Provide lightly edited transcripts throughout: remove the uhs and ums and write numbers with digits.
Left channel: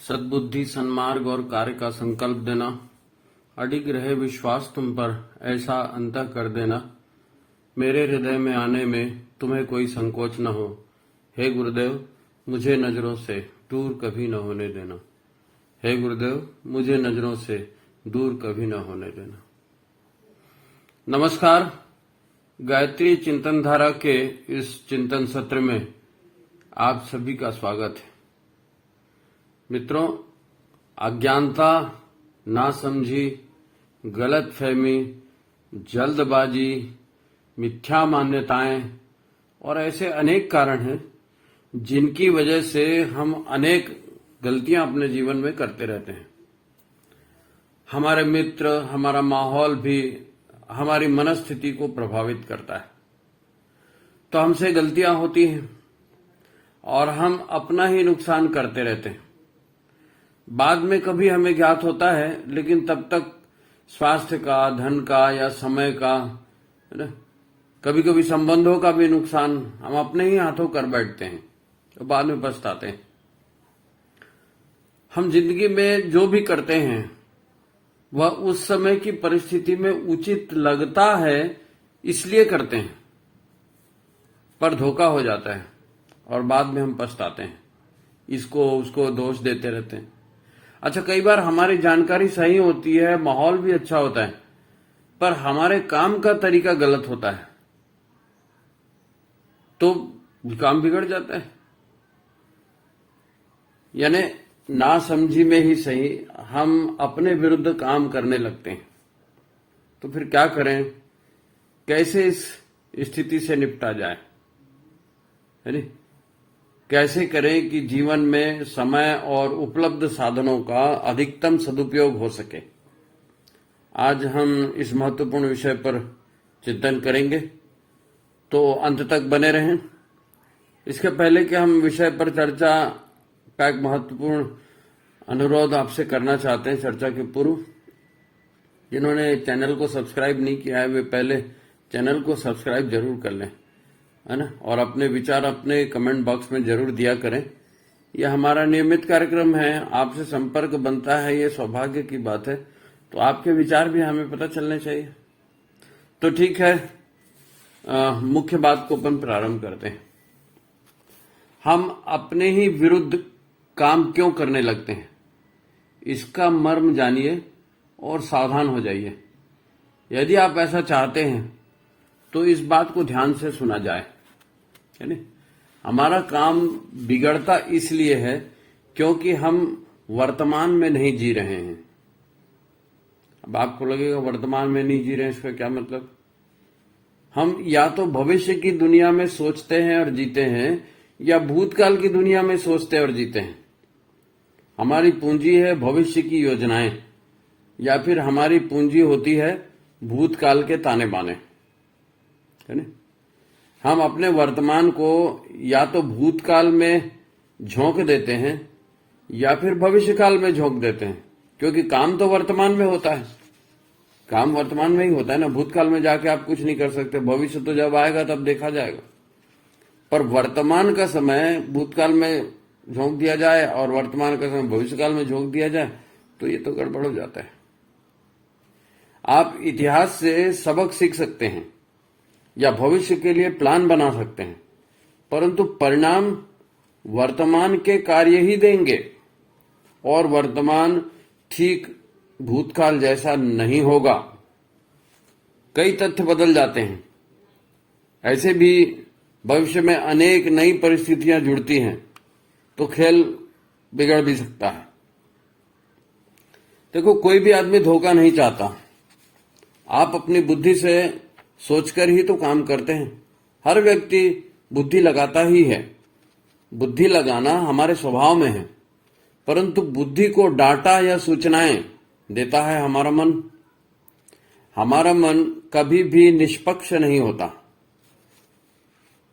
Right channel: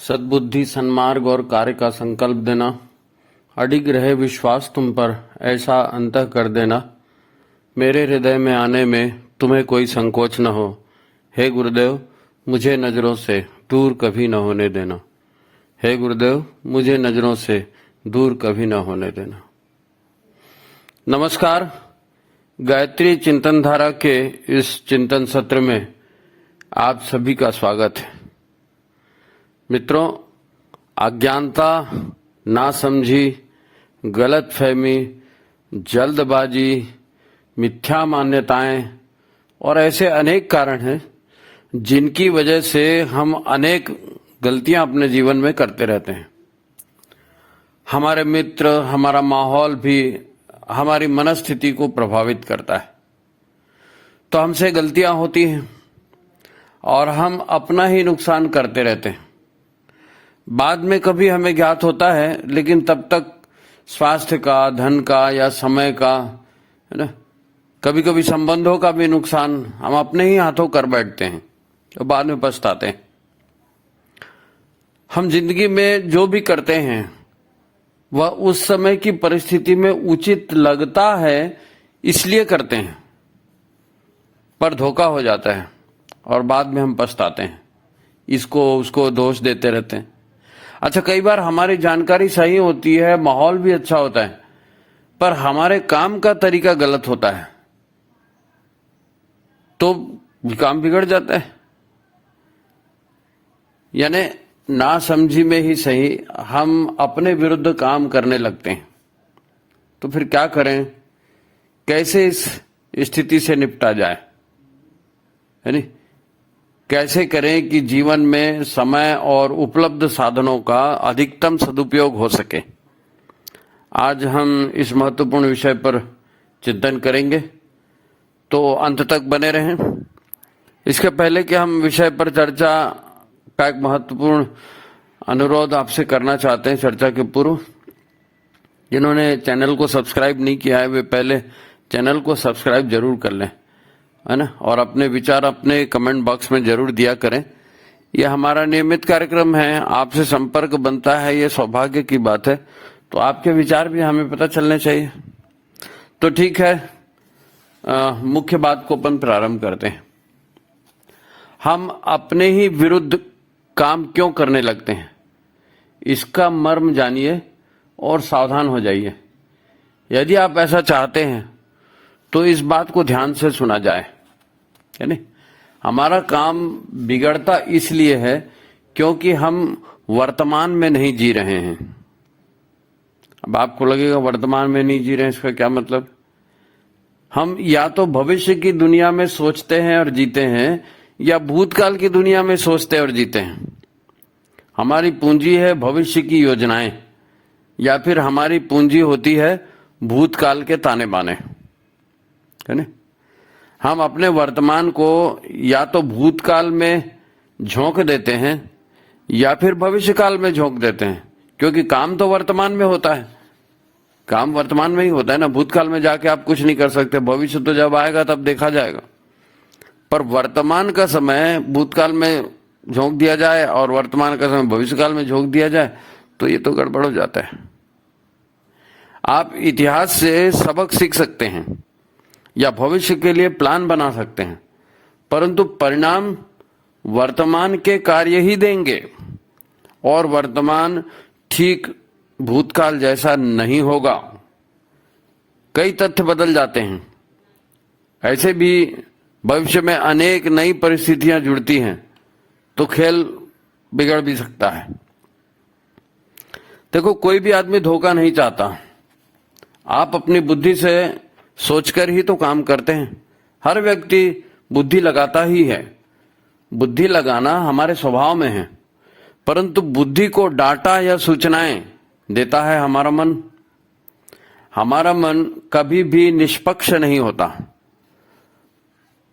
सद्बुद्धि, सन्मार्ग और कार्य का संकल्प देना, अडिग रहे विश्वास तुम पर, ऐसा अंतः कर देना, मेरे हृदय में आने में तुम्हें कोई संकोच न हो। हे गुरुदेव, मुझे नजरों से दूर कभी न होने देना। हे गुरुदेव, मुझे नजरों से दूर कभी न होने देना। नमस्कार। गायत्री चिंतन धारा के इस चिंतन सत्र में आप सभी का स्वागत है। मित्रों, अज्ञानता, नासमझी, गलतफहमी, जल्दबाजी, मिथ्या मान्यताएं और ऐसे अनेक कारण हैं जिनकी वजह से हम अनेक गलतियां अपने जीवन में करते रहते हैं। हमारे मित्र, हमारा माहौल भी हमारी मनस्थिति को प्रभावित करता है। तो हमसे गलतियां होती हैं और हम अपना ही नुकसान करते रहते हैं। बाद में कभी हमें ज्ञात होता है, लेकिन तब तक स्वास्थ्य का, धन का या समय का, है ना, कभी कभी संबंधों का भी नुकसान हम अपने ही हाथों कर बैठते हैं और बाद में पछताते हैं। हम जिंदगी में जो भी करते हैं वह उस समय की परिस्थिति में उचित लगता है इसलिए करते हैं, पर धोखा हो जाता है और बाद में हम पछताते हैं, इसको उसको दोष देते रहते हैं। अच्छा, कई बार हमारी जानकारी सही होती है, माहौल भी अच्छा होता है, पर हमारे काम का तरीका गलत होता है तो काम बिगड़ जाता है। यानी ना समझी में ही सही हम अपने विरुद्ध काम करने लगते हैं। तो फिर क्या करें, कैसे इस स्थिति से निपटा जाए, है नहीं? कैसे करें कि जीवन में समय और उपलब्ध साधनों का अधिकतम सदुपयोग हो सके। आज हम इस महत्वपूर्ण विषय पर चिंतन करेंगे, तो अंत तक बने रहें। इसके पहले कि हम विषय पर चर्चा का एक महत्वपूर्ण अनुरोध आपसे करना चाहते हैं चर्चा के पूर्व। जिन्होंने चैनल को सब्सक्राइब नहीं किया है वे पहले चैनल को सब्सक्राइब जरूर कर लें, है ना, और अपने विचार अपने कमेंट बॉक्स में जरूर दिया करें। यह हमारा नियमित कार्यक्रम है, आपसे संपर्क बनता है, ये सौभाग्य की बात है। तो आपके विचार भी हमें पता चलने चाहिए। तो ठीक है, मुख्य बात को अपन प्रारंभ करते हैं। हम अपने ही विरुद्ध काम क्यों करने लगते हैं, इसका मर्म जानिए और सावधान हो जाइए। यदि आप ऐसा चाहते हैं तो इस बात को ध्यान से सुना जाए, है नहीं? हमारा काम बिगड़ता इसलिए है क्योंकि हम वर्तमान में नहीं जी रहे हैं। अब आपको लगेगा वर्तमान में नहीं जी रहे हैं, इसका क्या मतलब? हम या तो भविष्य की दुनिया में सोचते हैं और जीते हैं, या भूतकाल की दुनिया में सोचते और जीते हैं। हमारी पूंजी है भविष्य की योजनाएं, या फिर हमारी पूंजी होती है भूतकाल के ताने बाने, है ना? हम अपने वर्तमान को या तो भूतकाल में झोंक देते हैं या फिर भविष्य काल में झोंक देते हैं, क्योंकि काम तो वर्तमान में होता है। काम वर्तमान में ही होता है ना। भूतकाल में जाके आप कुछ नहीं कर सकते, भविष्य तो जब आएगा तब देखा जाएगा। पर वर्तमान का समय भूतकाल में झोंक दिया जाए और वर्तमान का समय भविष्यकाल में झोंक दिया जाए तो ये तो गड़बड़ हो जाता है। आप इतिहास से सबक सीख सकते हैं या भविष्य के लिए प्लान बना सकते हैं, परंतु परिणाम वर्तमान के कार्य ही देंगे और वर्तमान ठीक भूतकाल जैसा नहीं होगा। कई तथ्य बदल जाते हैं। ऐसे भी भविष्य में अनेक नई परिस्थितियां जुड़ती हैं तो खेल बिगड़ भी सकता है। देखो, कोई भी आदमी धोखा नहीं चाहता। आप अपनी बुद्धि से सोचकर ही तो काम करते हैं। हर व्यक्ति बुद्धि लगाता ही है। बुद्धि लगाना हमारे स्वभाव में है, परंतु बुद्धि को डाटा या सूचनाएं देता है हमारा मन। हमारा मन कभी भी निष्पक्ष नहीं होता।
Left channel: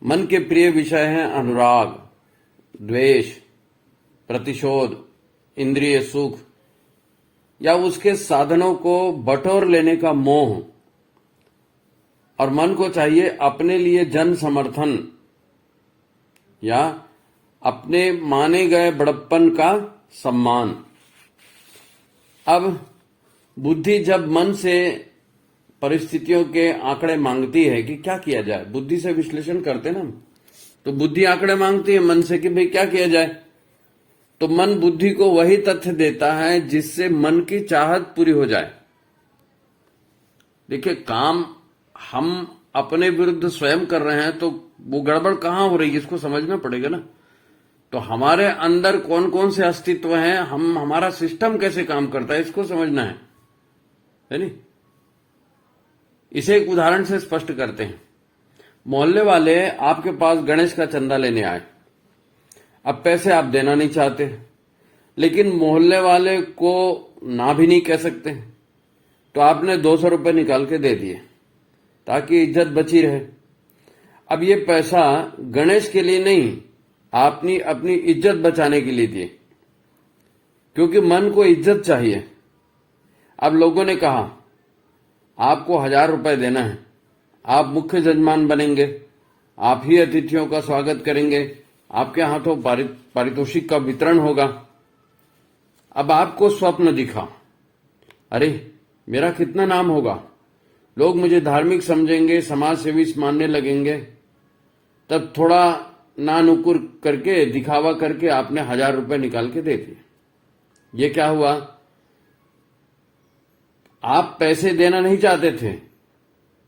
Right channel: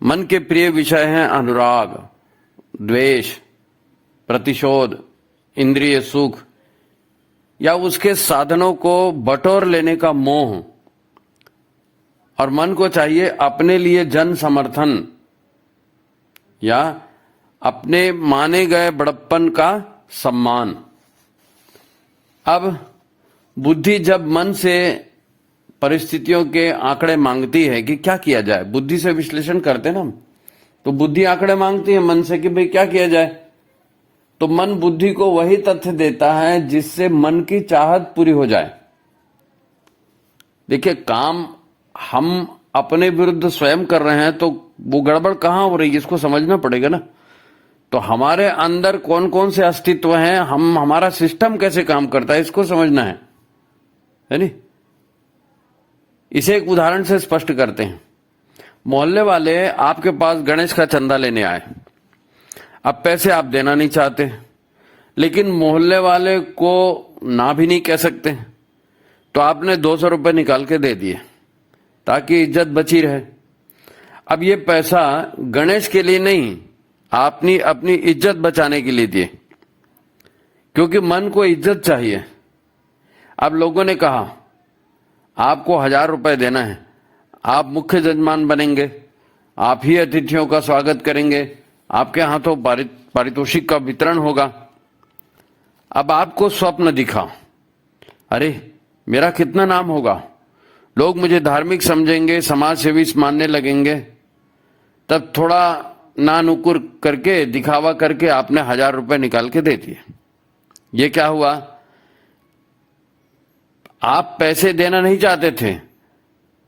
मन के प्रिय विषय हैं अनुराग, द्वेष, प्रतिशोध, इंद्रिय सुख या उसके साधनों को बटोर लेने का मोह। और मन को चाहिए अपने लिए जन समर्थन या अपने माने गए बड़प्पन का सम्मान। अब बुद्धि जब मन से परिस्थितियों के आंकड़े मांगती है कि क्या किया जाए, बुद्धि से विश्लेषण करते ना हम, तो बुद्धि आंकड़े मांगती है मन से कि भाई क्या किया जाए, तो मन बुद्धि को वही तथ्य देता है जिससे मन की चाहत पूरी हो जाए। देखिए, काम हम अपने विरुद्ध स्वयं कर रहे हैं तो वो गड़बड़ कहां हो रही है, इसको समझना पड़ेगा ना। तो हमारे अंदर कौन कौन से अस्तित्व हैं, हमारा सिस्टम कैसे काम करता है, इसको समझना है नहीं। इसे एक उदाहरण से स्पष्ट करते हैं। मोहल्ले वाले आपके पास गणेश का चंदा लेने आए। अब पैसे आप देना नहीं चाहते, लेकिन मोहल्ले वाले को ना भी नहीं कह सकते, तो आपने 200 रुपए निकाल के दे दिए ताकि इज्जत बची रहे। अब ये पैसा गणेश के लिए नहीं, आपने अपनी इज्जत बचाने के लिए दिए, क्योंकि मन को इज्जत चाहिए। अब लोगों ने कहा आपको 1000 रुपए देना है, आप मुख्य जजमान बनेंगे, आप ही अतिथियों का स्वागत करेंगे, आपके हाथों पारितोषिक का वितरण होगा। अब आपको स्वप्न दिखा, अरे मेरा कितना नाम होगा, लोग मुझे धार्मिक समझेंगे, समाज सेवी मानने लगेंगे। तब थोड़ा नानुकुर करके, दिखावा करके आपने 1000 रुपए निकाल के दे दिए। ये क्या हुआ, आप पैसे देना नहीं चाहते थे,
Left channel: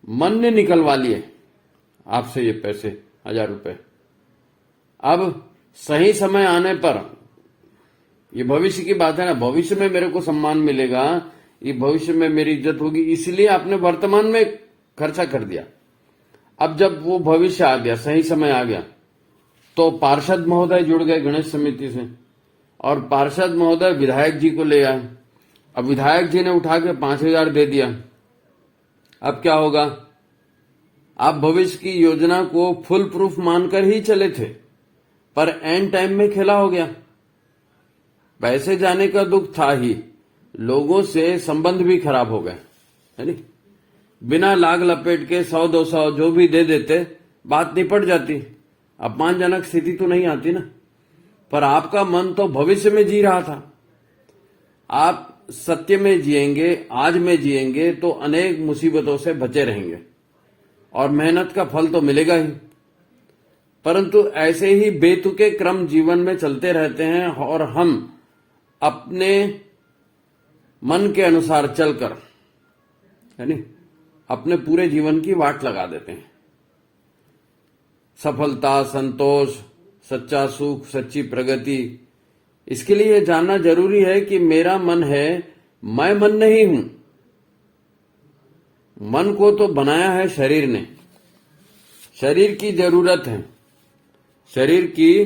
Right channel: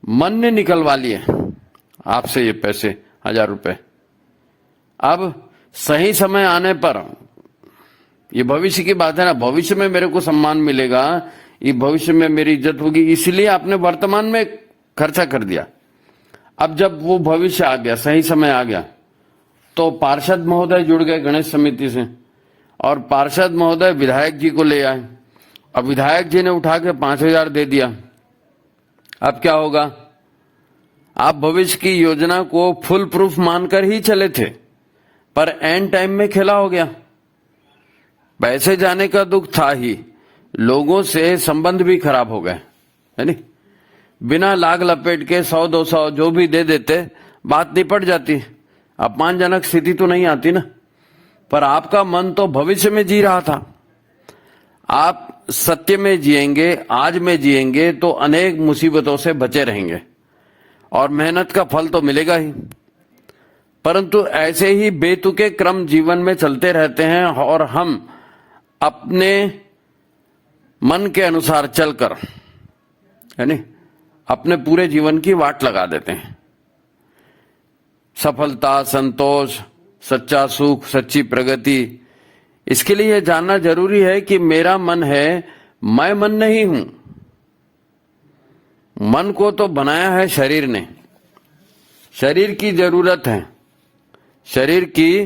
मन ने निकलवा लिए आपसे ये पैसे 1000 रुपए। अब सही समय आने पर, ये भविष्य की बात है ना, भविष्य में मेरे को सम्मान मिलेगा, ये भविष्य में मेरी इज्जत होगी, इसलिए आपने वर्तमान में खर्चा कर दिया। अब जब वो भविष्य आ गया, सही समय आ गया, तो पार्षद महोदय जुड़ गए गणेश समिति से, और पार्षद महोदय विधायक जी को ले आए। अब विधायक जी ने उठा के 5000 दे दिया। अब क्या होगा, आप भविष्य की योजना को फुल प्रूफ मानकर ही चले थे, पर एंड टाइम में खेला हो गया। पैसे जाने का दुख था ही, लोगों से संबंध भी खराब हो गए, है नहीं। बिना लाग लपेट के 100-200 जो भी दे देते, बात निपट जाती, अपमानजनक स्थिति तो नहीं आती ना। पर आपका मन तो भविष्य में जी रहा था। आप सत्य में जिएंगे, आज में जिएंगे, तो अनेक मुसीबतों से बचे रहेंगे और मेहनत का फल तो मिलेगा ही। परंतु ऐसे ही बेतुके क्रम जीवन में चलते रहते हैं और हम अपने मन के अनुसार चलकर, है नहीं, अपने पूरे जीवन की वाट लगा देते हैं। सफलता, संतोष, सच्चा सुख, सच्ची प्रगति, इसके लिए यह जानना जरूरी है कि मेरा मन है, मैं मन नहीं हूं। मन को तो बनाया है शरीर ने, शरीर की जरूरत है, शरीर की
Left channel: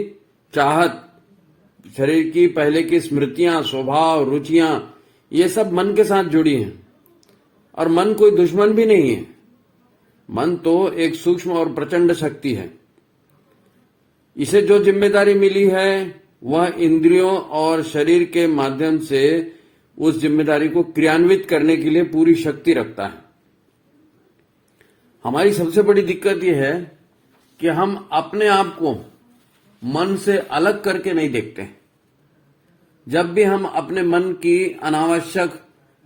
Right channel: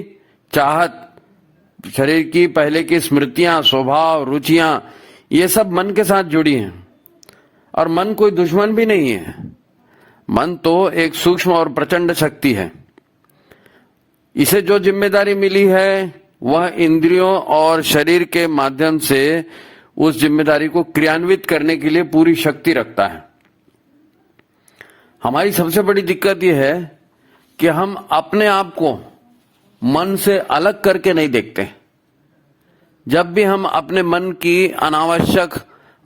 चाहत, शरीर की पहले की स्मृतियां, स्वभाव, रुचियां, ये सब मन के साथ जुड़ी हैं। और मन कोई दुश्मन भी नहीं है, मन तो एक सूक्ष्म और प्रचंड शक्ति है। इसे जो जिम्मेदारी मिली है वह इंद्रियों और शरीर के माध्यम से उस जिम्मेदारी को क्रियान्वित करने के लिए पूरी शक्ति रखता है। हमारी सबसे बड़ी दिक्कत यह है कि हम अपने आप को मन से अलग करके नहीं देखते। जब भी हम अपने मन की अनावश्यक,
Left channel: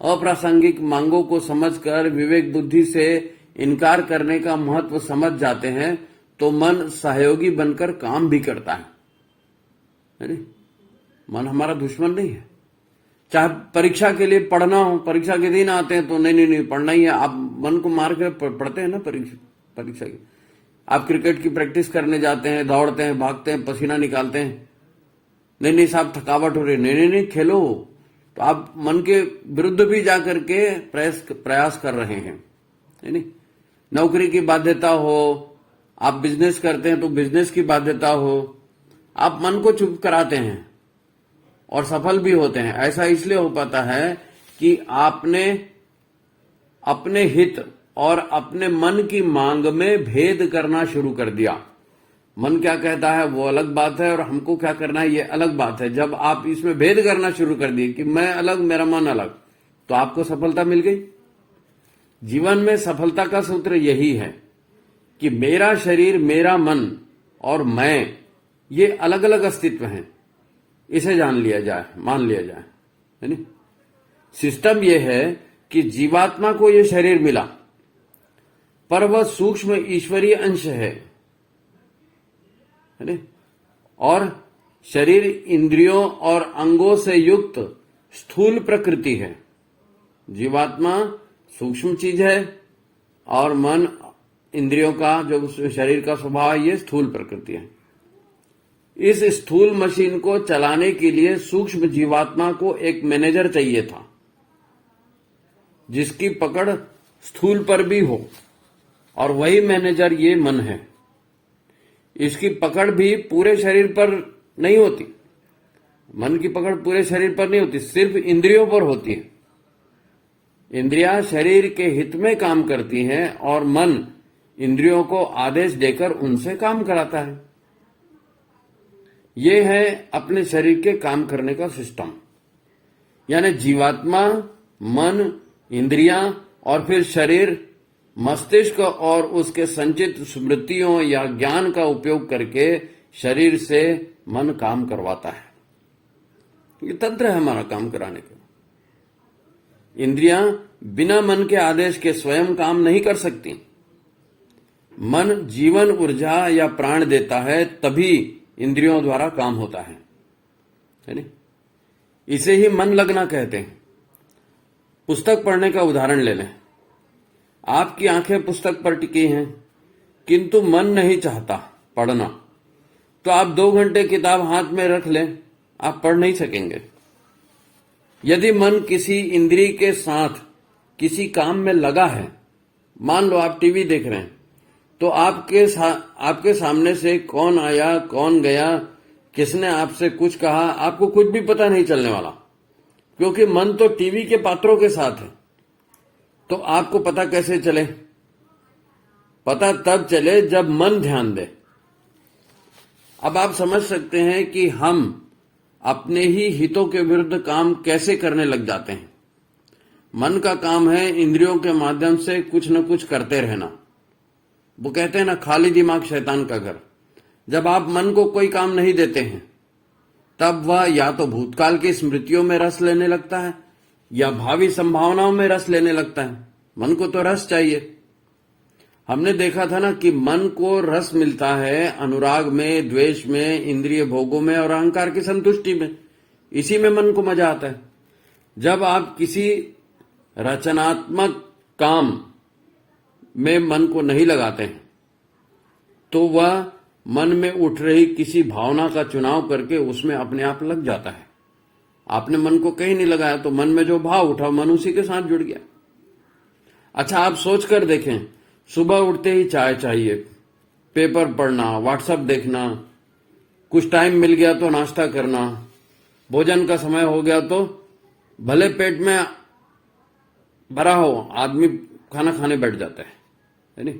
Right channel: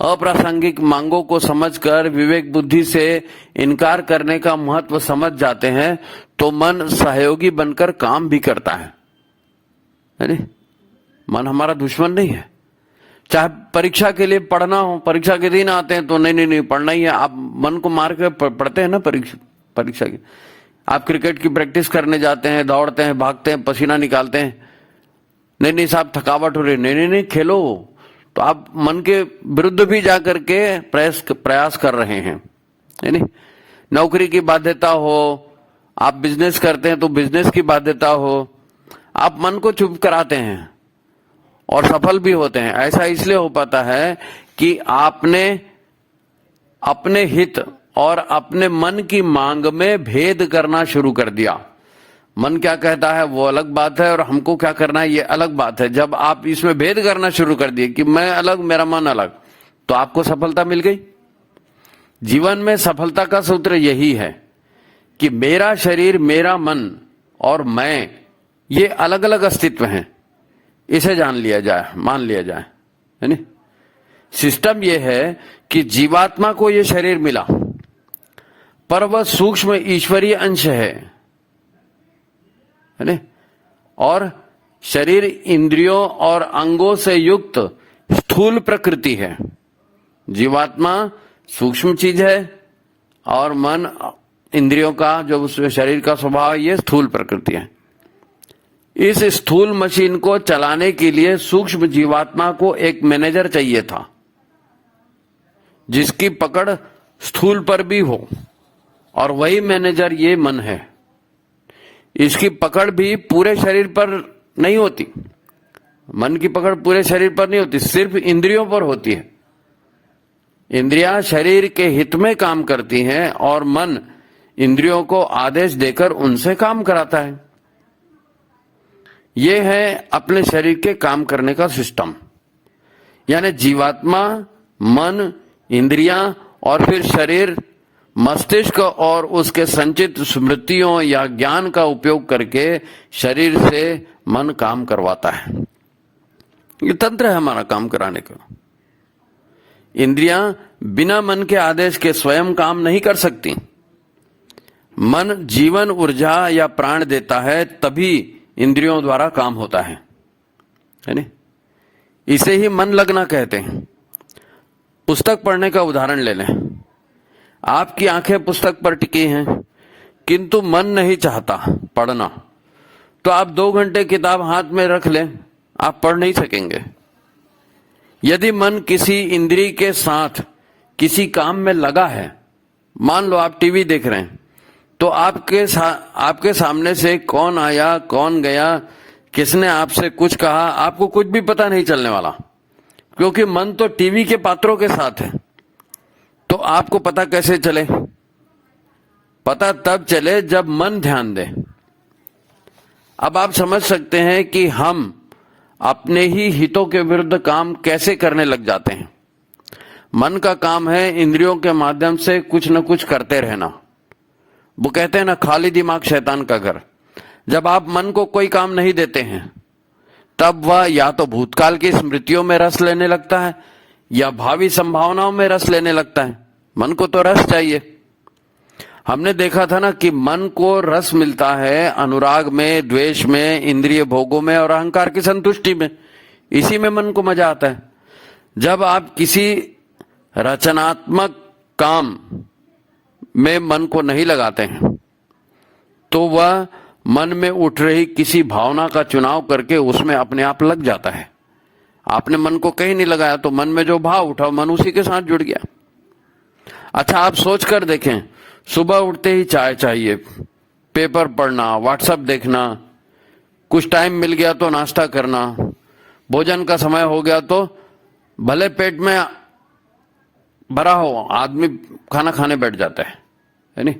अप्रासंगिक मांगों को समझकर विवेक बुद्धि से इनकार करने का महत्व समझ जाते हैं, तो मन सहयोगी बनकर काम भी करता है नहीं? मन हमारा दुश्मन नहीं है। चाहे परीक्षा के लिए पढ़ना हो, परीक्षा के दिन आते हैं तो नहीं पढ़ना ही है, आप मन को मार के पढ़ते हैं ना। परीक्षा की आप क्रिकेट की प्रैक्टिस करने जाते हैं, दौड़ते हैं, भागते हैं, पसीना निकालते हैं, नहीं साहब थकावट हो रही, नहीं खेलो, तो आप मन के विरुद्ध भी जाकर के प्रयास कर रहे हैं, है नहीं। नौकरी की बाध्यता हो, आप बिजनेस करते हैं तो बिजनेस की बाध्यता हो, आप मन को चुप कराते हैं और सफल भी होते हैं। ऐसा इसलिए हो पाता है कि आपने अपने हित और अपने मन की मांग में भेद करना शुरू कर दिया। मन क्या कहता है वो अलग बात है और हमको क्या करना है ये अलग बात है। जब आप इसमें भेद करना शुरू कर दिए कि मैं अलग, मेरा मन अलग, तो आपको सफलता मिल गई। जीवन में सफलता का सूत्र यही है कि मेरा शरीर, मेरा मन और मैं, ये अलग अलग अस्तित्व हैं, इसे जान लिया जाए, मान लिया जाए, है नहीं। सिस्टम यह है कि जीवात्मा को यह शरीर मिला, पर वह सूक्ष्म ईश्वरीय अंश है नहीं। और शरीर इंद्रियों और अंगों से युक्त स्थूल प्रकृति है। जीवात्मा सूक्ष्म चीज है और मन इंद्रियों का जो शरीर का स्वभाव है, ये स्थूल प्रकृति है। इस स्थूल मशीन को चलाने के लिए सूक्ष्म जीवात्मा को एक मैनेजर चाहिए था, जिसकी पकड़ स्थूल पर भी हो, और वही मैनेजर ये मन है। इसकी पकड़ भी पूरे शरीर पर नहीं होती, मन की पकड़ पूरे शरीर पर नहीं होती, सिर्फ इंद्रियों पर होती है। इंद्रियां शरीर के हित में काम करती हैं और मन इंद्रियों को आदेश देकर उनसे काम कराता है। यह है अपने शरीर के काम करने का सिस्टम। यानी जीवात्मा, मन, इंद्रियां और फिर शरीर मस्तिष्क और उसके संचित स्मृतियों या ज्ञान का उपयोग करके शरीर से मन काम करवाता है। ये तंत्र है हमारा काम कराने का। इंद्रियां बिना मन के आदेश के स्वयं काम नहीं कर सकती। मन जीवन, ऊर्जा या प्राण देता है, तभी इंद्रियों द्वारा काम होता है नहीं। इसे ही मन लगना कहते हैं। पुस्तक पढ़ने का उदाहरण ले लें। आपकी आंखें पुस्तक पर टिकी हैं, किंतु मन नहीं चाहता पढ़ना, तो आप 2 घंटे किताब हाथ में रख लें, आप पढ़ नहीं सकेंगे। यदि मन किसी इंद्रिय के साथ किसी काम में लगा है, मान लो आप टीवी देख रहे हैं, तो आपके सामने से कौन आया, कौन गया, किसने आपसे कुछ कहा, आपको कुछ भी पता नहीं चलने वाला, क्योंकि मन तो टीवी के पात्रों के साथ है। तो आपको पता कैसे चले? पता तब चले जब मन ध्यान दे। अब आप समझ सकते हैं कि हम अपने ही हितों के विरुद्ध काम कैसे करने लग जाते हैं। मन का काम है इंद्रियों के माध्यम से कुछ न कुछ करते रहना। वो कहते हैं ना, खाली दिमाग शैतान का घर। जब आप मन को कोई काम नहीं देते हैं, तब वह या तो भूतकाल की स्मृतियों में रस लेने लगता है या भावी संभावनाओं में रस लेने लगता है। मन को तो रस चाहिए। हमने देखा था ना कि मन को रस मिलता है अनुराग में, द्वेष में, इंद्रिय भोगों में और अहंकार की संतुष्टि में। इसी में मन को मजा आता है। जब आप किसी रचनात्मक काम में मन को नहीं लगाते हैं, तो वह मन में उठ रही किसी भावना का चुनाव करके उसमें अपने आप लग जाता है। आपने मन को कहीं नहीं लगाया, तो मन में जो भाव उठा मन उसी के साथ जुड़ गया। अच्छा, आप सोच कर देखें, सुबह उठते ही चाय चाहिए, पेपर पढ़ना, व्हाट्सएप देखना, कुछ टाइम मिल गया तो नाश्ता करना, भोजन का समय हो गया तो भले पेट में भरा हो, आदमी खाना खाने बैठ जाता है नहीं।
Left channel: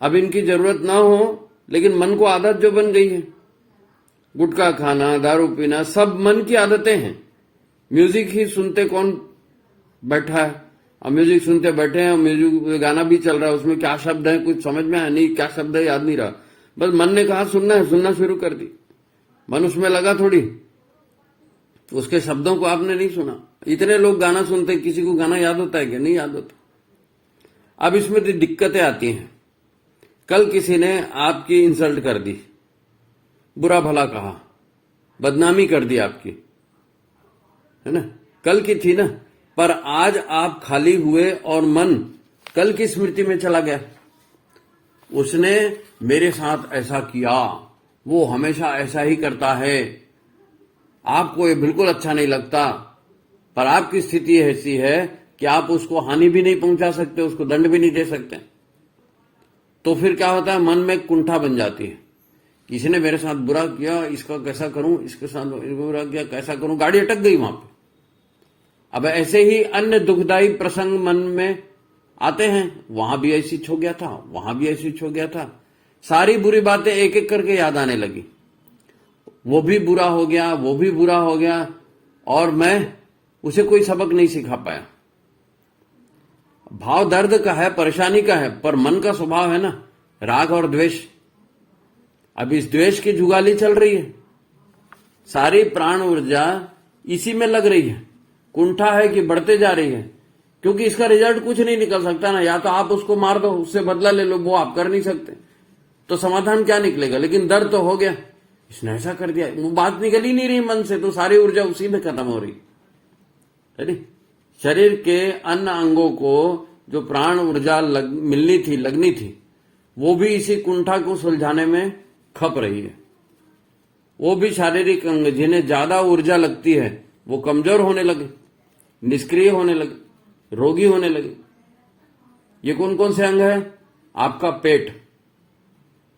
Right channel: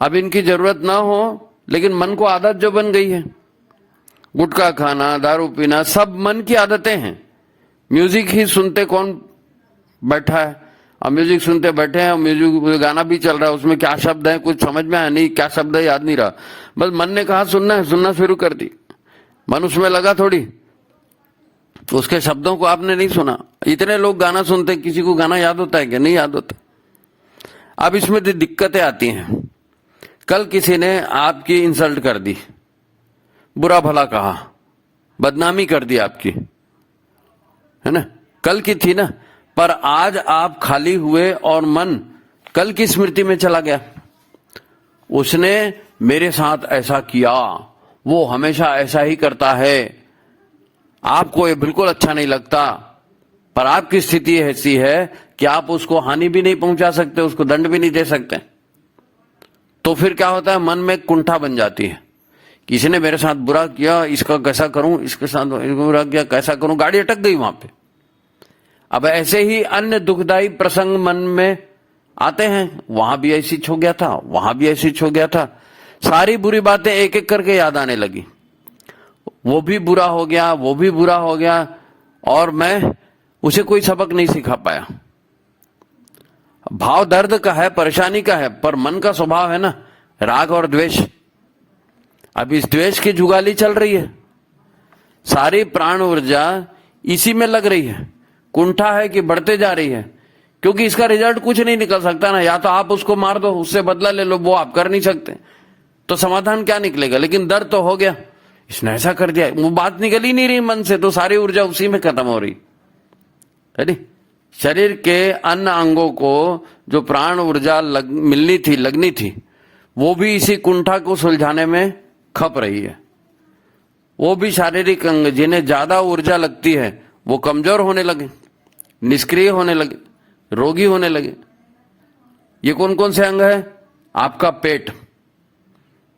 अब इनकी जरूरत ना हो, लेकिन मन को आदत जो बन गई है, गुटखा खाना, दारू पीना, सब मन की आदतें हैं। म्यूजिक ही सुनते कौन बैठा है? अब म्यूजिक सुनते बैठे हैं, म्यूजिक गाना भी चल रहा है, उसमें क्या शब्द है कुछ समझ में आया नहीं, क्या शब्द है याद नहीं रहा, बस मन ने कहा सुनना है, सुनना शुरू कर दी। मन उसमें लगा थोड़ी, उसके शब्दों को आपने नहीं सुना। इतने लोग गाना सुनते, किसी को गाना याद होता है क्या? नहीं याद होता। अब इसमें तो दिक्कतें आती हैं। कल किसी ने आपकी इंसल्ट कर दी, बुरा भला कहा, बदनामी कर दी आपकी, है ना, कल की थी ना, पर आज आप खाली हुए और मन कल की स्मृति में चला गया। उसने मेरे साथ ऐसा किया, वो हमेशा ऐसा ही करता है, आपको ये बिल्कुल अच्छा नहीं लगता, पर आपकी स्थिति ऐसी है कि आप उसको हानि भी नहीं पहुंचा सकते, उसको दंड भी नहीं दे सकते। तो फिर क्या होता है, मन में कुंठा बन जाती है। किसी ने मेरे साथ बुरा किया, इसका कैसा करूं, इसके साथ बुरा किया कैसा करूं, गाड़ी अटक गई वहां पे। अब ऐसे ही अन्य दुखदायी प्रसंग मन में आते हैं, वहां भी ऐसी हो गया था, वहां भी ऐसी हो गया था, सारी बुरी बातें एक एक करके याद आने लगी। वो भी बुरा हो गया, वो भी बुरा हो गया, और मैं उसे कोई सबक नहीं सिखा पाया। भाव दर्द का है, परेशानी का है, पर मन का स्वभाव है ना राग और द्वेष। अब इस द्वेष की जुगाली चल रही है। सारी प्राण ऊर्जा इसी में लग रही है, कुंठा है कि बढ़ते जा रही है, क्योंकि इसका रिजल्ट कुछ नहीं निकल सकता ना। या तो आप उसको मार दो, उससे बदला ले लो, वो आप कर नहीं सकते, तो समाधान क्या निकलेगा। लेकिन दर्द तो हो गया, इसने ऐसा कर दिया, वो बात निकल ही नहीं रही मन से, तो सारी ऊर्जा उसी में खत्म हो रही है। शरीर के अन्य अंगों को जो प्राण ऊर्जा मिलनी थी, लगनी थी, वो भी इसी कुंठा को सुलझाने में खप रही है। वो भी शारीरिक अंग जिन्हें ज्यादा ऊर्जा लगती है वो कमजोर होने लगे, निष्क्रिय होने लगे, रोगी होने लगे। ये कौन कौन से अंग है? आपका पेट,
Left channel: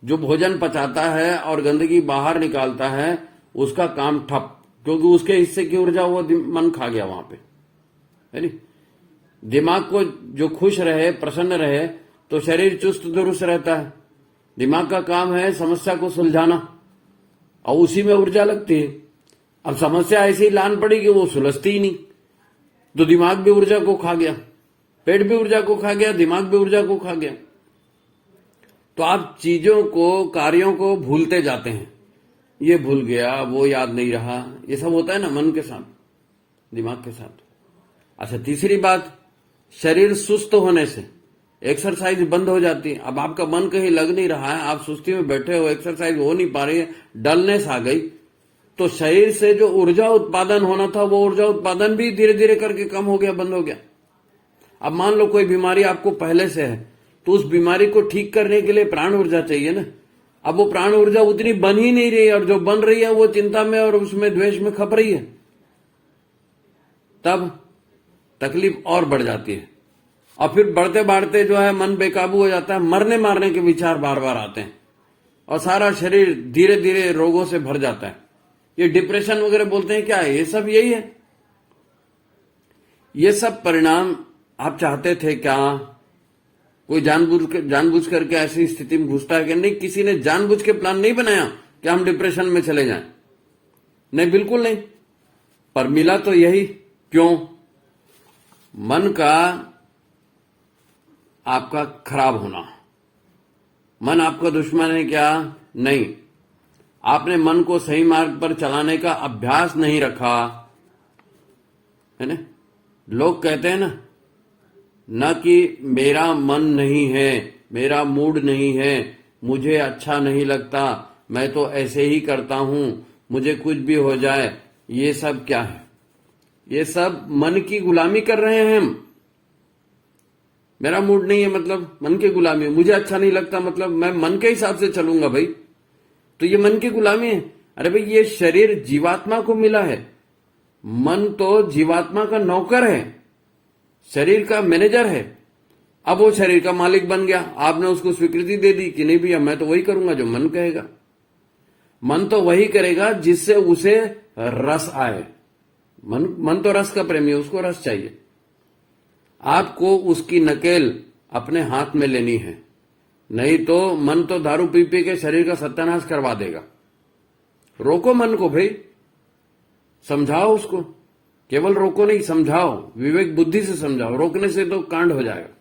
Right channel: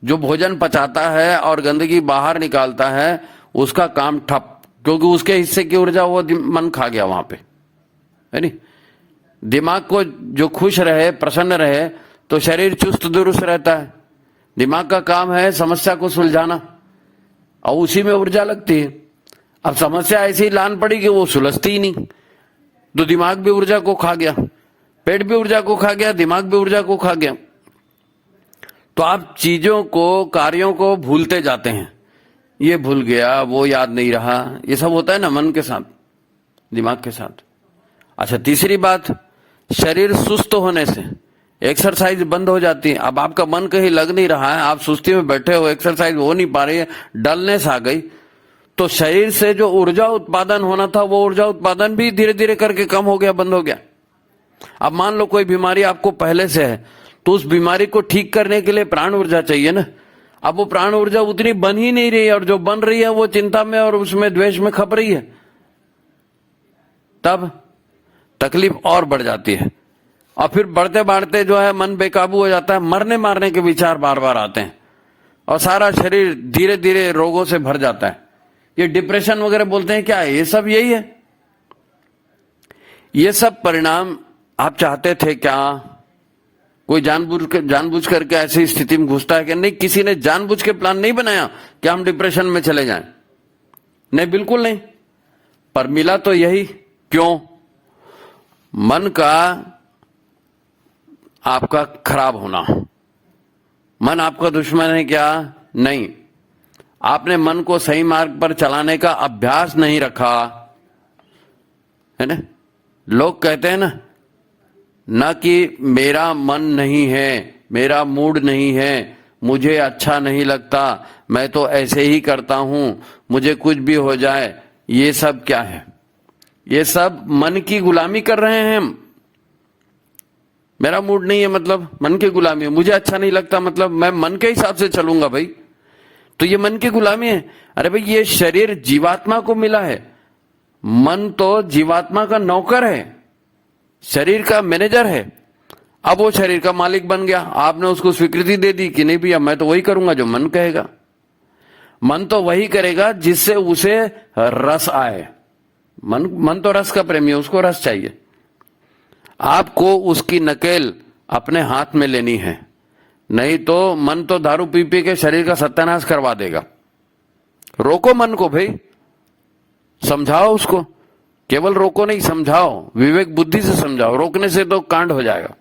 जो भोजन पचाता है और गंदगी बाहर निकालता है, उसका काम ठप, क्योंकि उसके हिस्से की ऊर्जा वो मन खा गया वहां पे, है नहीं। दिमाग को जो खुश रहे, प्रसन्न रहे, तो शरीर चुस्त दुरुस्त रहता है। दिमाग का काम है समस्या को सुलझाना, और उसी में ऊर्जा लगती है। अब समस्या ऐसी ही लान पड़ी कि वो सुलझती ही नहीं, तो दिमाग भी ऊर्जा को खा गया, पेट भी ऊर्जा को खा गया, दिमाग भी ऊर्जा को खा गया। तो आप चीजों को, कार्यों को भूलते जाते हैं। ये भूल गया, वो याद नहीं रहा, ये सब होता है ना मन के साथ, दिमाग के साथ। अच्छा, तीसरी बात, शरीर सुस्त होने से एक्सरसाइज बंद हो जाती है। अब आपका मन कहीं लग नहीं रहा है, आप सुस्ती में बैठे हो, एक्सरसाइज हो नहीं पा रही है, डलनेस आ गई, तो शरीर से जो ऊर्जा उत्पादन होना था, वो ऊर्जा उत्पादन भी धीरे धीरे करके कम हो गया, बंद हो गया। अब मान लो कोई बीमारी आपको पहले से है, तो उस बीमारी को ठीक करने के लिए प्राण ऊर्जा चाहिए ना। अब वो प्राण ऊर्जा उतनी बन ही नहीं रही है, और जो बन रही है वो चिंता में और उसमें द्वेष में खप रही है, तब तकलीफ और बढ़ जाती है। और फिर बढ़ते बढ़ते जो है मन बेकाबू हो जाता है, मरने मारने के विचार बार बार आते हैं, और सारा शरीर धीरे धीरे रोगों से भर जाता है। ये डिप्रेशन वगैरह बोलते हैं, क्या है ये सब? यही है। ये सब परिणाम आप चाहते थे क्या? कोई जानबूझ करके ऐसी स्थिति में घुसता है कि नहीं? किसी ने जानबूझ के प्लान नहीं बनाया कि हम डिप्रेशन में चले जाएं, नहीं, बिल्कुल नहीं। पर मिला तो यही। क्यों? मन का आपका खराब होना। मन आपका दुश्मन है क्या? नहीं। आपने मन को सही मार्ग पर चलाने का अभ्यास नहीं रखा है ना। लोग कहते हैं ना कि मेरा मन नहीं है, मेरा मूड नहीं है, मुझे अच्छा नहीं लगता, मैं तो ऐसे ही करता हूं, मुझे कुछ भी हो जाए। ये सब क्या है? ये सब मन की गुलामी कर रहे हैं हम। मेरा मूड नहीं है मतलब मन की गुलामी है, मुझे अच्छा नहीं लगता मतलब मैं मन के हिसाब से चलूंगा भाई, तो ये मन की गुलामी है। अरे भाई, ये शरीर जीवात्मा को मिला है, मन तो जीवात्मा का नौकर है, शरीर का मैनेजर है। अब वो शरीर का मालिक बन गया, आपने उसको स्वीकृति दे दी कि नहीं भैया मैं तो वही करूंगा जो मन कहेगा। मन तो वही करेगा जिससे उसे रस आए। मन तो रस का प्रेमी है, उसको रस चाहिए। आपको उसकी नकेल अपने हाथ में लेनी है, नहीं तो मन तो दारू पी पी के शरीर का सत्यानाश करवा देगा। रोको मन को भाई, समझाओ उसको, केवल रोको नहीं, समझाओ, विवेक बुद्धि से समझाओ। रोकने से तो कांड हो जाएगा,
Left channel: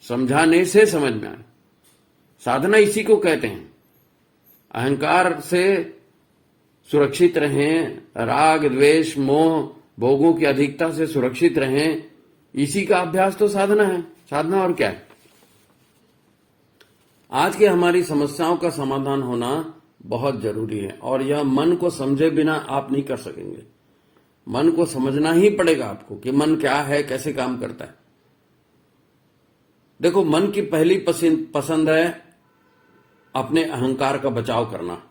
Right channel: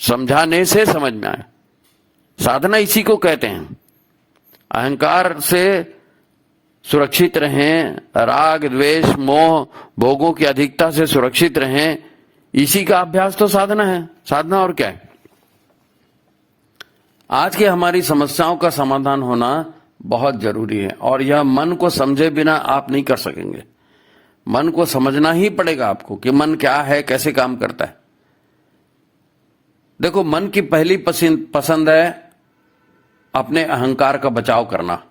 समझाने से समझ में आए। साधना इसी को कहते हैं। अहंकार से सुरक्षित रहें, राग द्वेष मोह भोगों की अधिकता से सुरक्षित रहें, इसी का अभ्यास तो साधना है। साधना और क्या है? आज की हमारी समस्याओं का समाधान होना बहुत जरूरी है, और यह मन को समझे बिना आप नहीं कर सकेंगे। मन को समझना ही पड़ेगा आपको कि मन क्या है, कैसे काम करता है। देखो, मन की पहली पसंद है अपने अहंकार का बचाव करना,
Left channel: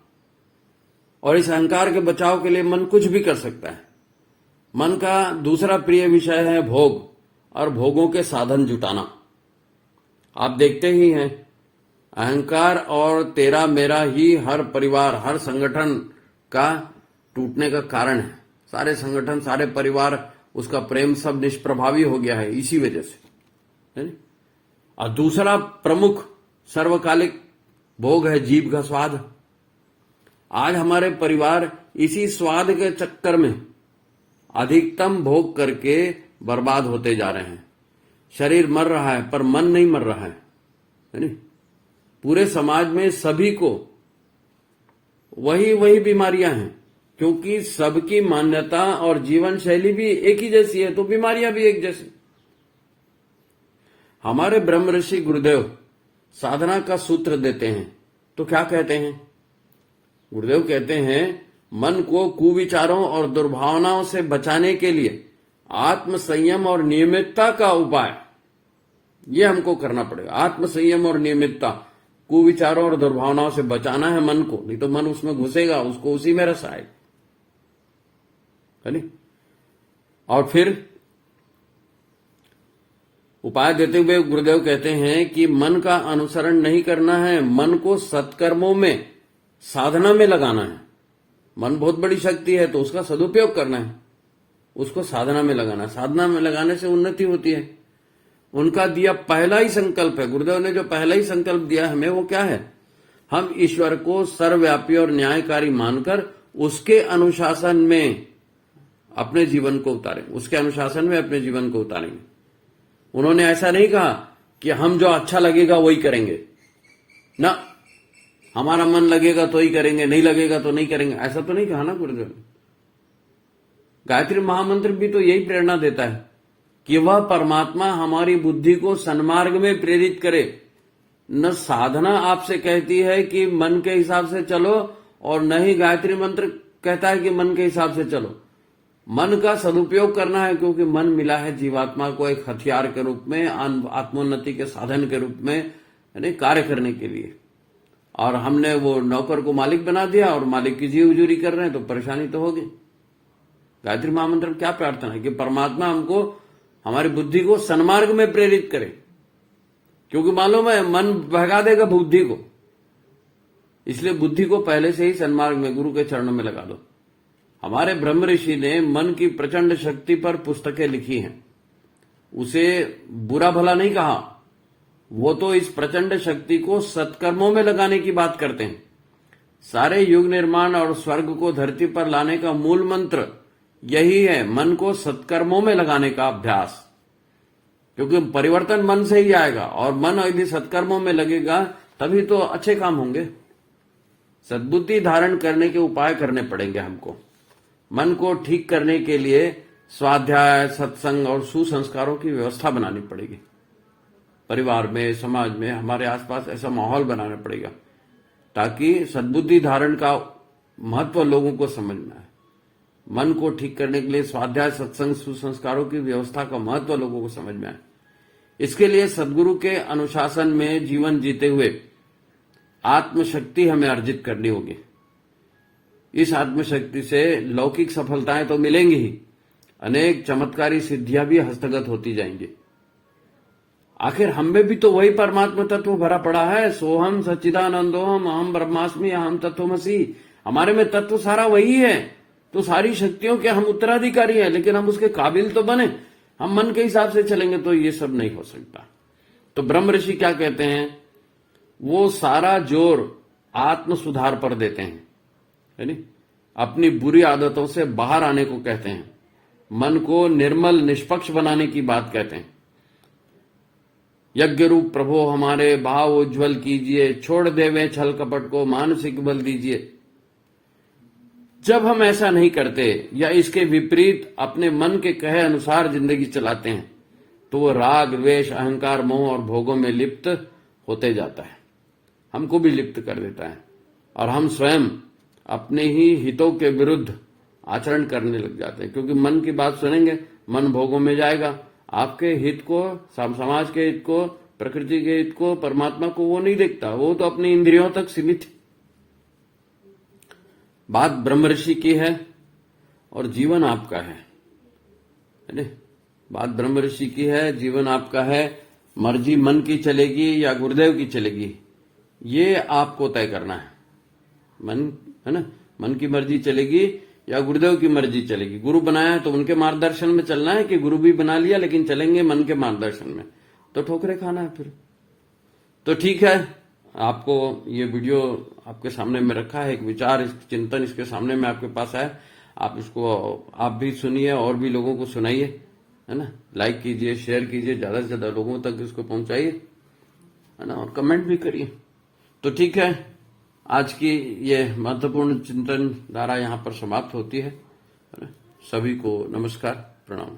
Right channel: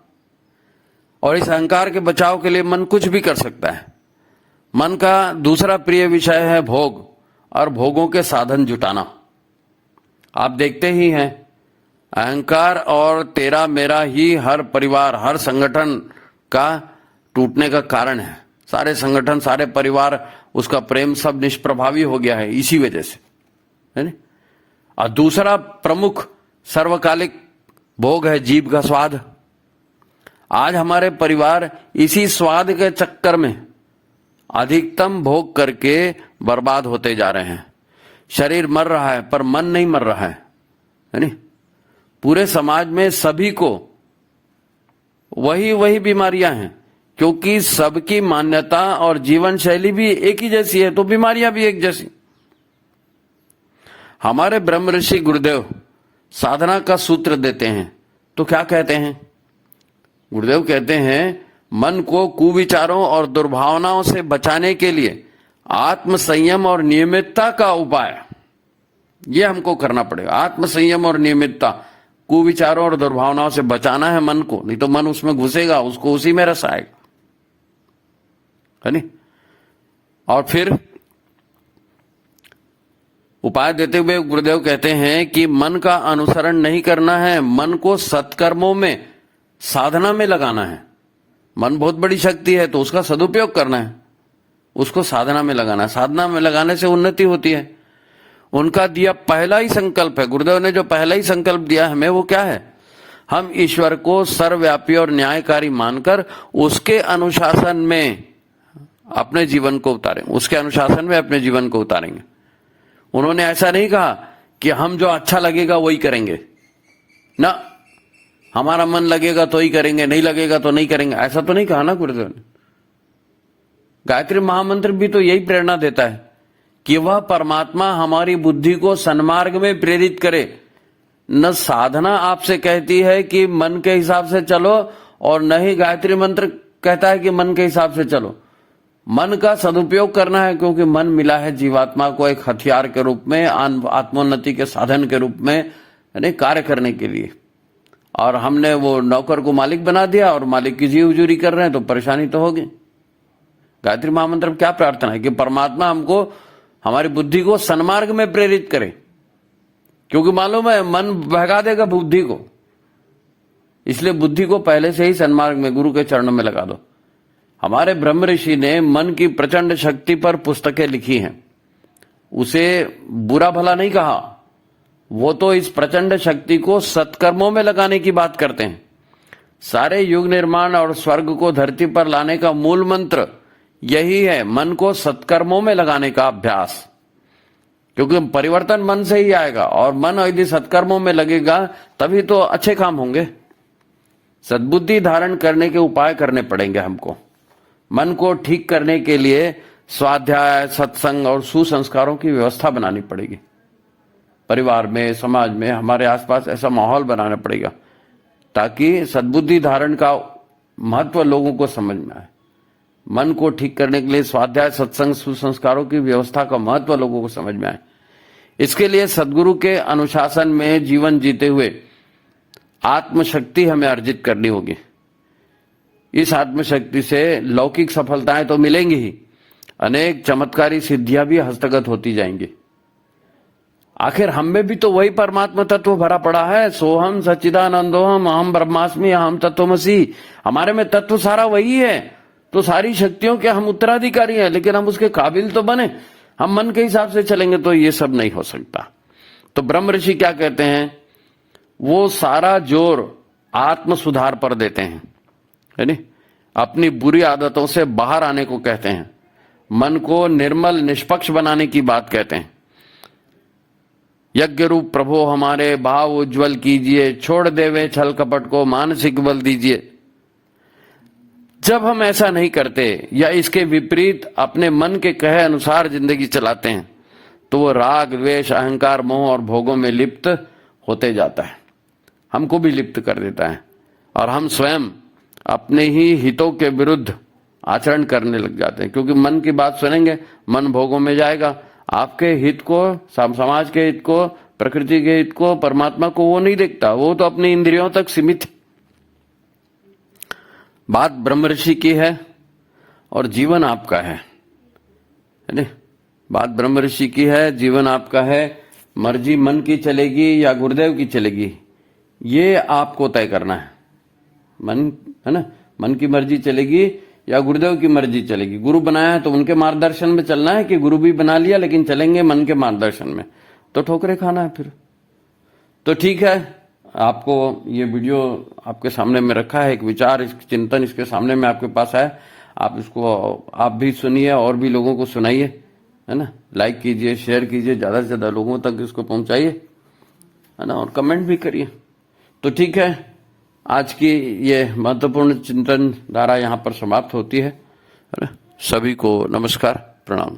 और इस अहंकार के बचाव के लिए मन कुछ भी कर सकता है। मन का दूसरा प्रिय विषय है भोग, और भोगों के साधन जुटाना। आप देखते ही हैं, अहंकार और तेरा मेरा ही हर परिवार, हर संगठन का टूटने का कारण है। सारे संगठन, सारे परिवार, उसका प्रेम सब निष्प्रभावी हो गया है इसी वजह से, है ना। और दूसरा प्रमुख सर्वकालिक भोग है जीभ का स्वाद। आज हमारे परिवार इसी स्वाद के चक्कर में अधिकतम भोग करके बर्बाद होते जा रहे हैं। शरीर मर रहा है पर मन नहीं मर रहा है नहीं। पूरे समाज में सभी को वही बीमारियां हैं। क्योंकि सबकी मान्यता और जीवन शैली भी एक ही जैसी है, तो बीमारियां भी एक जैसी। हमारे ब्रह्म ऋषि गुरुदेव साधना का सूत्र देते हैं, तो क्या कहते हैं? गुरुदेव कहते हैं, मन को कुविचारों और दुर्भावनाओं से बचाने के लिए आत्म संयम और नियमितता का उपाय ये हमको करना पड़ेगा। आत्म संयम और नियमितता, कुविचारों और दुर्भावनाओं से बचाना है मन को, नहीं तो मन उसमें घुसेगा, उसको उसी में रस आएगा, है नहीं? और फिर उपाय देते हुए गुरुदेव कहते हैं कि मन का अनुसरण नहीं करना है, मन को सत्कर्मों में, साधना में लगाना है। मन बहुत बड़ी शक्ति है, तो उसका सदुपयोग करना है, उसको साधना में लगाना है। साधना में लगाने से उन्नति होती है। उनका दिया पहला ही संकल्प है, गुरुदेव ने जो पहला ही संकल्प दिया हमें, वो क्या है? हम ईश्वर को सर्वव्यापी और न्यायकारी मानकर उसके अनुशासन में अपने जीवन को उतारेंगे, उसके अनुशासन में अपने जीवन को उतारेंगे। उन्होंने ऐसा नहीं कहा कि हम जो अच्छा लगेगा वही करेंगे ना, हमारा मन लगेगा तो ही करेंगे, नहीं लगेगा तो नहीं करेंगे, ऐसा तो नहीं कहा ना गुरुदेव ने। गायत्री महामंत्र भी तो यही प्रेरणा देता है कि वह परमात्मा हमारी बुद्धि को सन्मार्ग में प्रेरित करे। न साधना आपसे कहती है कि मन के हिसाब से चलो, और न ही गायत्री मंत्र कहता है कि मन के हिसाब से चलो। मन का सदुपयोग करना है, क्योंकि मन मिला है जीवात्मा को एक हथियार के रूप में, आत्मोन्नति के साधन के रूप में, यानी कार्य करने के लिए। और हमने वो नौकर को मालिक बना दिया और मालिक की जी उजूरी कर रहे हैं, तो परेशानी तो होगी। गायत्री महामंत्र में क्या प्रार्थना है कि परमात्मा हमको, हमारी बुद्धि को सन्मार्ग में प्रेरित करे, क्योंकि मालूम है मन बहका देगा बुद्धि को, इसलिए बुद्धि को पहले से ही सन्मार्ग में, गुरु के चरणों में लगा दो। हमारे ब्रह्म ऋषि ने मन की प्रचंड शक्ति पर पुस्तकें लिखी हैं, उसे बुरा भला नहीं कहा, वो तो इस प्रचंड शक्ति को सत्कर्मों में लगाने की बात करते हैं। सारे युग निर्माण और स्वर्ग को धरती पर लाने का मूल मंत्र यही है, मन को सत्कर्मों में लगाने का अभ्यास, क्योंकि परिवर्तन मन से ही आएगा, और मन यदि सत्कर्मों में लगेगा तभी तो अच्छे काम होंगे। सद्बुद्धि धारण करने के उपाय करने पड़ेंगे हमको। मन को ठीक करने के लिए स्वाध्याय, सत्संग और सुसंस्कारों की व्यवस्था बनानी पड़ेगी। परिवार में, समाज में, हमारे आसपास ऐसा माहौल बनाना पड़ेगा ताकि सद्बुद्धि धारण का महत्व लोगों को समझ में आए। मन को ठीक करने के लिए स्वाध्याय, सत्संग, सुसंस्कारों की व्यवस्था का महत्व लोगों को समझ में आए। इसके लिए सदगुरु के अनुशासन में जीवन जीते हुए आत्मशक्ति हमें अर्जित करनी होगी। इस आत्मशक्ति से लौकिक सफलताएं तो मिलेंगी ही, अनेक चमत्कारी सिद्धियां भी हस्तगत होती जाएंगी। आखिर हम में भी तो वही परमात्मा तत्व भरा पड़ा है। सोहम सच्चिदानंदोहम अहम ब्रह्मास्मि अहम तत्वमसि। हमारे में तत्व सारा वही है, तो सारी शक्तियों के हम उत्तराधिकारी हैं, लेकिन हम उसके काबिल तो बने। हम मन के हिसाब से चलेंगे तो ये सब नहीं हो सकता। तो ब्रह्म ऋषि क्या कहते हैं? वो सारा जोर आत्म सुधार पर देते हैं, है नहीं? अपनी बुरी आदतों से बाहर आने को कहते हैं, मन को निर्मल निष्पक्ष बनाने की बात कहते हैं। यज्ञ रूप प्रभु हमारे भाव उज्जवल कीजिए, छोड़ देवे छल कपट को मानसिक बल दीजिए। जब हम ऐसा नहीं करते या इसके विपरीत अपने मन के कहे अनुसार जिंदगी चलाते हैं तो वो राग, द्वेष, अहंकार, मोह और भोगों में लिप्त होते जाता है, हमको भी लिप्त कर देता है, और हम स्वयं अपने ही हितों के विरुद्ध आचरण करने लग जाते हैं। क्योंकि मन की बात सुनेंगे, मन भोगों में जाएगा। आपके हित को, समाज के हित को, प्रकृति के हित को, परमात्मा को वो नहीं देखता, वो तो अपनी इंद्रियों तक सीमित है। बात ब्रह्म ऋषि की है और जीवन आपका है नहीं? बात ब्रह्म ऋषि की है, जीवन आपका है। मर्जी मन की चलेगी या गुरुदेव की चलेगी, ये आपको तय करना है। मन है ना, मन की मर्जी चलेगी या गुरुदेव की मर्जी चलेगी। गुरु बनाया है तो उनके मार्गदर्शन में चलना है, कि गुरु भी बना लिया लेकिन चलेंगे मन के मार्गदर्शन में, तो ठोकरे खाना है फिर। तो ठीक है, आपको ये वीडियो आपके सामने में रखा है, एक विचार, इस चिंतन इसके सामने में आपके पास है। आप इसको आप भी सुनिए और भी लोगों को सुनाइए, है ना। लाइक कीजिए, शेयर कीजिए, ज्यादा से ज्यादा लोगों तक इसको पहुंचाइए, है ना, और कमेंट भी करिए। तो ठीक है, आज की ये महत्वपूर्ण चिंतन धारा यहाँ पर समाप्त होती है। सभी को नमस्कार, प्रणाम।